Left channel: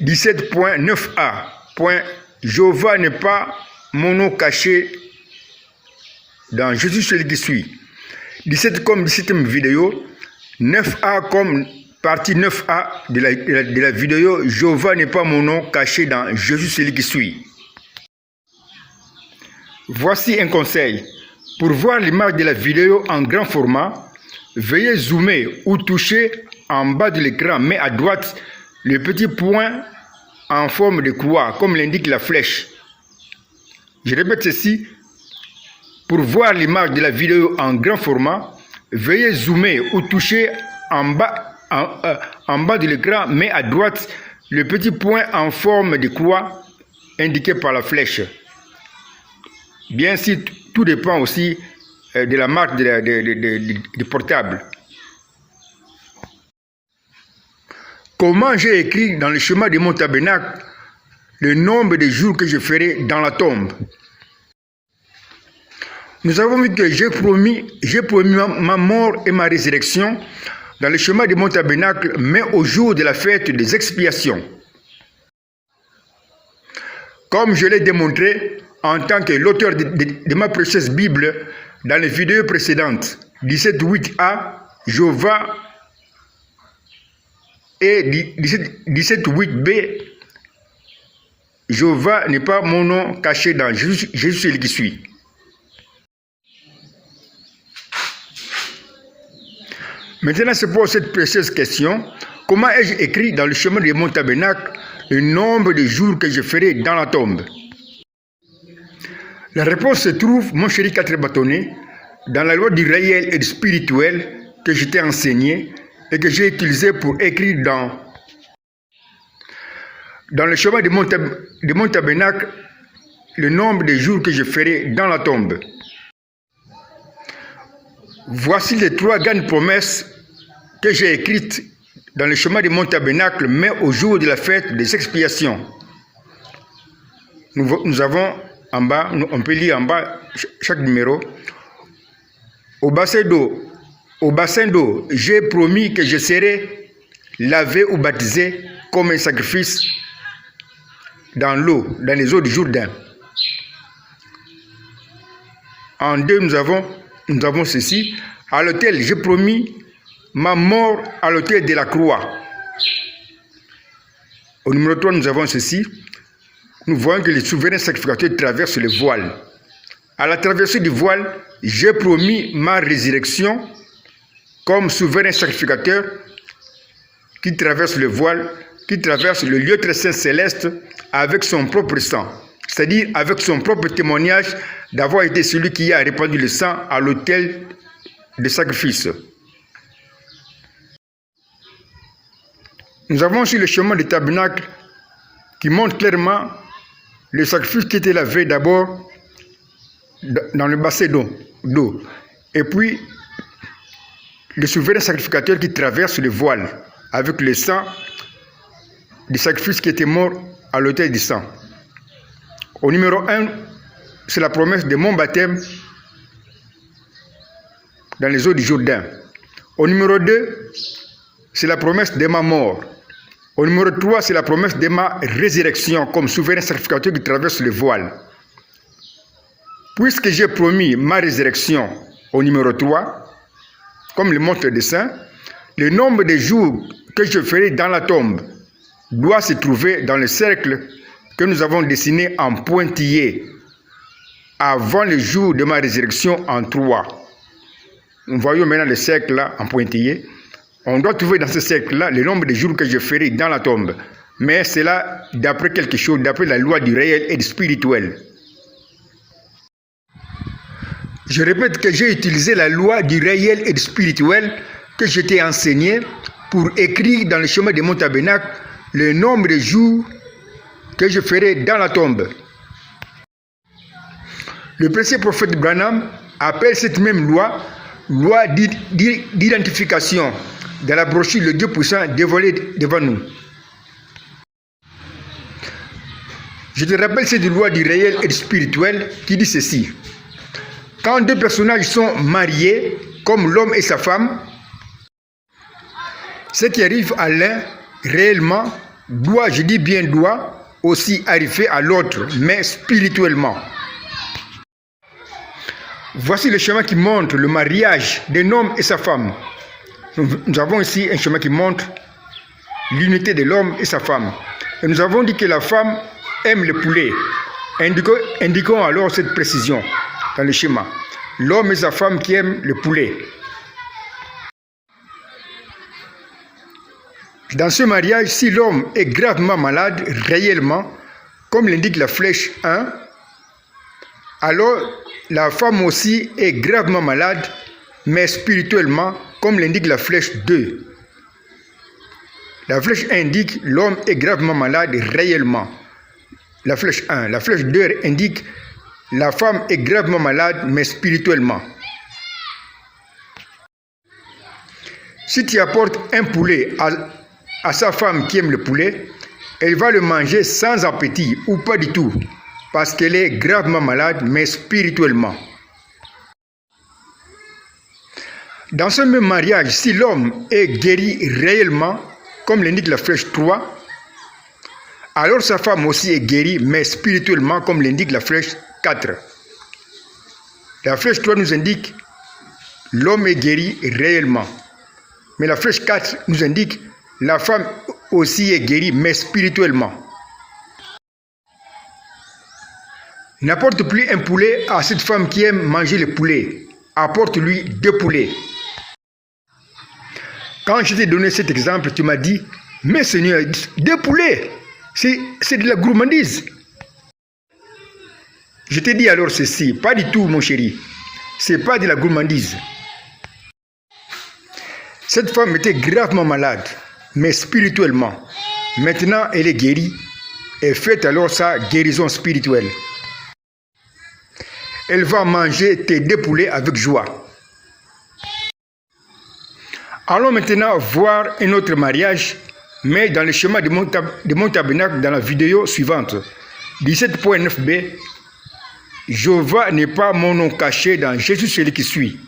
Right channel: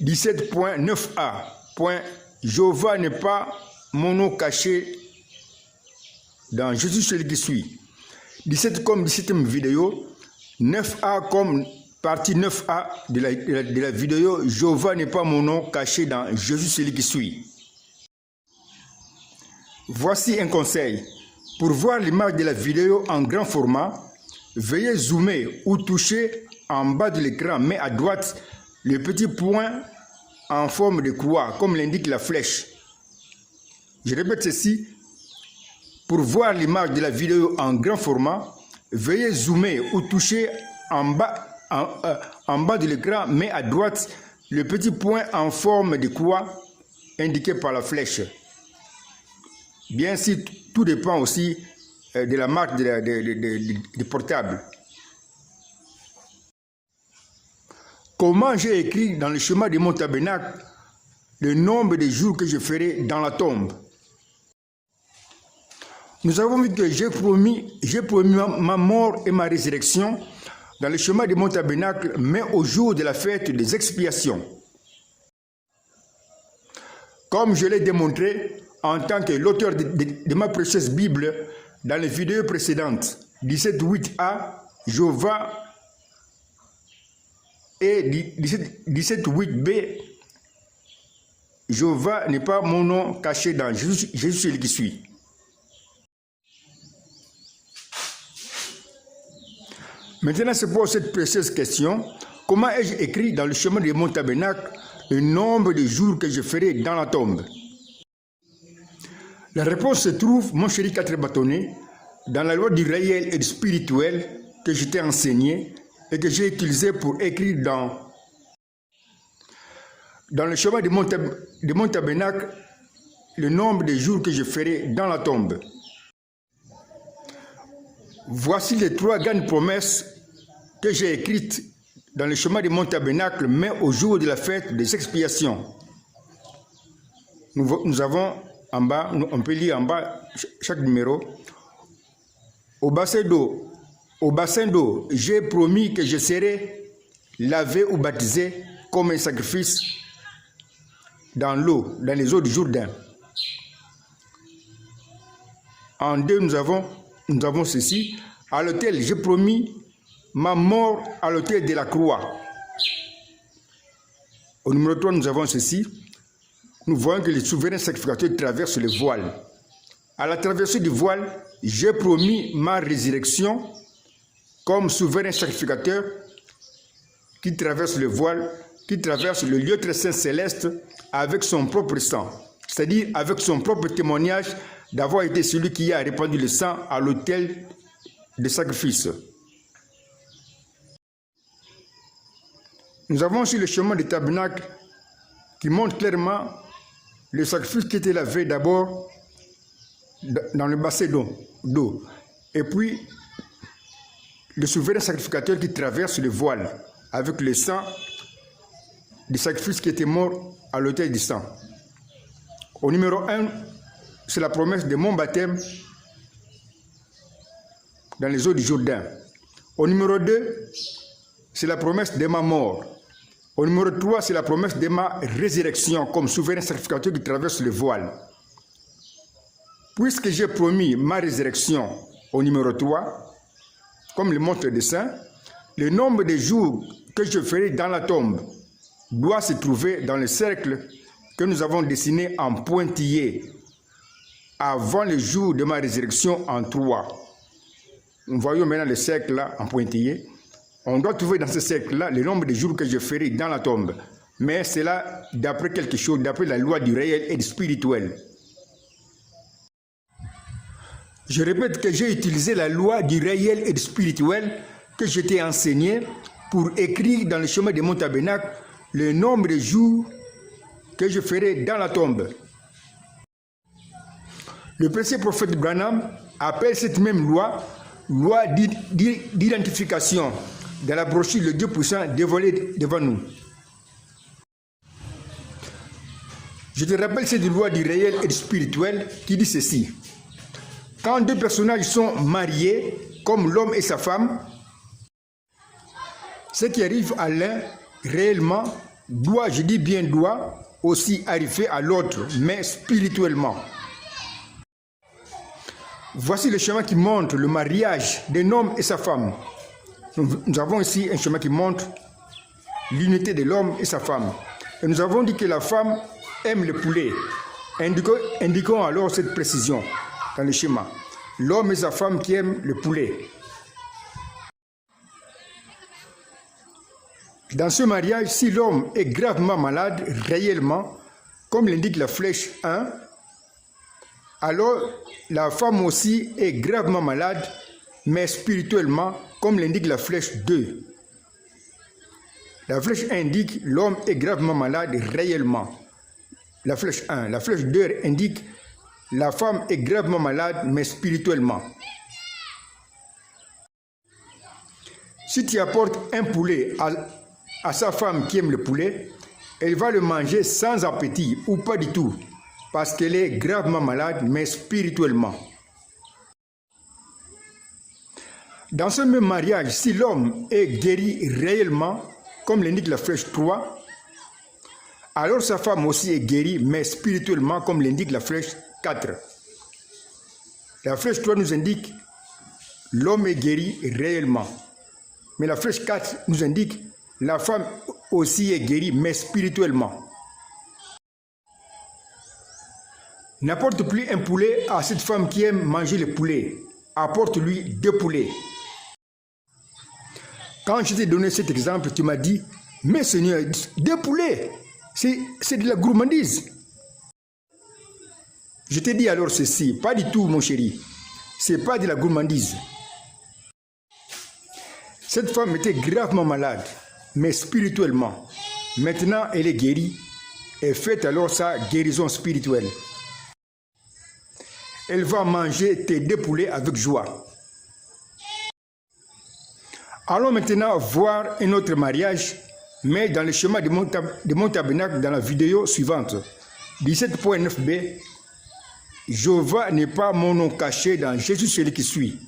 17.9a. Jéhovah n'est pas mon nom caché dans Jésus celui qui suit. 17 comme 17e vidéo, 9a comme partie 9a de la vidéo, Jéhovah n'est pas mon nom caché dans Jésus celui qui suit. Voici un conseil. Pour voir l'image de la vidéo en grand format, veuillez zoomer ou toucher en bas de l'écran, mais à droite, le petit point en forme de croix, comme l'indique la flèche. Je répète ceci. Pour voir l'image de la vidéo en grand format, veuillez zoomer ou toucher en bas de l'écran, mais à droite, le petit point en forme de croix indiqué par la flèche. Bien sûr, tout dépend aussi de la marque du portable. Comment j'ai écrit dans le schéma de mon tabernacle le nombre de jours que je ferai dans la tombe? Nous avons vu que j'ai promis ma mort et ma résurrection dans le schéma de mon tabernacle, mais au jour de la fête des expiations. Comme je l'ai démontré en tant que l'auteur de ma précieuse Bible dans les vidéos précédentes, 17.8a, Jéhovah, et 17.8b, Jéhovah n'est pas mon nom caché dans Jésus celui qui suit. Maintenant se pose cette précieuse question: comment ai-je écrit dans le chemin de mon tabernacle le nombre de jours que je ferai dans la tombe? La réponse se trouve, mon chéri 4 bâtonnets, dans la loi du réel et du spirituel que je t'ai enseigné et que j'ai utilisé pour écrire dans le chemin de mon tabernacle le nombre de jours que je ferai dans la tombe. Voici les 3 grandes promesses que j'ai écrites dans le chemin de mon tabernacle, mais au jour de la fête des expiations. Nous avons en bas, on peut lire en bas chaque numéro. Au bassin d'eau, j'ai promis que je serai lavé ou baptisé comme un sacrifice dans l'eau, dans les eaux du Jourdain. En 2, nous avons ceci. À l'autel, j'ai promis ma mort à l'autel de la croix. Au numéro 3, nous avons ceci. Nous voyons que le souverain sacrificateur traverse le voile. À la traversée du voile, j'ai promis ma résurrection comme souverain sacrificateur qui traverse le voile, qui traverse le lieu très saint céleste avec son propre sang, c'est-à-dire avec son propre témoignage d'avoir été celui qui a répandu le sang à l'autel de sacrifice. Nous avons aussi le chemin du tabernacle qui montre clairement le sacrifice qui était lavé d'abord dans le bassin d'eau, et puis le souverain sacrificateur qui traverse le voile avec le sang du sacrifice qui était mort à l'autel du sang. Au numéro 1, c'est la promesse de mon baptême dans les eaux du Jourdain. Au numéro 2, c'est la promesse de ma mort. Au numéro 3, c'est la promesse de ma résurrection comme souverain sacrificateur qui traverse le voile. Puisque j'ai promis ma résurrection au numéro 3, comme le montre le dessin, le nombre de jours que je ferai dans la tombe doit se trouver dans le cercle que nous avons dessiné en pointillé avant le jour de ma résurrection en 3. Nous voyons maintenant le cercle là en pointillé. On doit trouver dans ce cercle-là le nombre de jours que je ferai dans la tombe. Mais c'est là d'après quelque chose, d'après la loi du réel et du spirituel. Je répète que j'ai utilisé la loi du réel et du spirituel que je t'ai enseigné pour écrire dans le chemin de mon tabernacle le nombre de jours que je ferai dans la tombe. Le précieux prophète Branham appelle cette même loi d'identification dans la brochure Le Dieu puissant dévoilé devant nous. Je te rappelle cette loi du réel et du spirituel qui dit ceci. Quand 2 personnages sont mariés, comme l'homme et sa femme, ce qui arrive à l'un réellement doit, je dis bien doit, aussi arriver à l'autre, mais spirituellement. Voici le chemin qui montre le mariage d'un homme et sa femme. Nous avons ici un chemin qui montre l'unité de l'homme et sa femme. Et nous avons dit que la femme aime le poulet. Indiquons alors cette précision dans le schéma. L'homme et sa femme qui aiment le poulet. Dans ce mariage, si l'homme est gravement malade, réellement, comme l'indique la flèche 1, alors la femme aussi est gravement malade, mais spirituellement, comme l'indique la flèche 2. La flèche 1 indique l'homme est gravement malade réellement. La flèche 1. La flèche 2 indique la femme est gravement malade, mais spirituellement. Si tu apportes un poulet à sa femme qui aime le poulet, elle va le manger sans appétit ou pas du tout, parce qu'elle est gravement malade, mais spirituellement. Dans ce même mariage, si l'homme est guéri réellement, comme l'indique la flèche 3, alors sa femme aussi est guérie, mais spirituellement, comme l'indique la flèche 4. La flèche 3 nous indique l'homme est guéri réellement. Mais la flèche 4 nous indique la femme aussi est guérie, mais spirituellement. N'apporte plus un poulet à cette femme qui aime manger le poulet. Apporte-lui 2 poulets. Quand je t'ai donné cet exemple, tu m'as dit, mais Seigneur, 2 poulets, c'est de la gourmandise. Je t'ai dit alors ceci, pas du tout mon chéri, c'est pas de la gourmandise. Cette femme était gravement malade, mais spirituellement. Maintenant, elle est guérie et fait alors sa guérison spirituelle. Elle va manger tes 2 poulets avec joie. Allons maintenant voir un autre mariage, mais dans le schéma de mon tabernacle dans la vidéo suivante. 17.9b. Jéhovah n'est pas mon nom caché dans Jésus celui qui suit.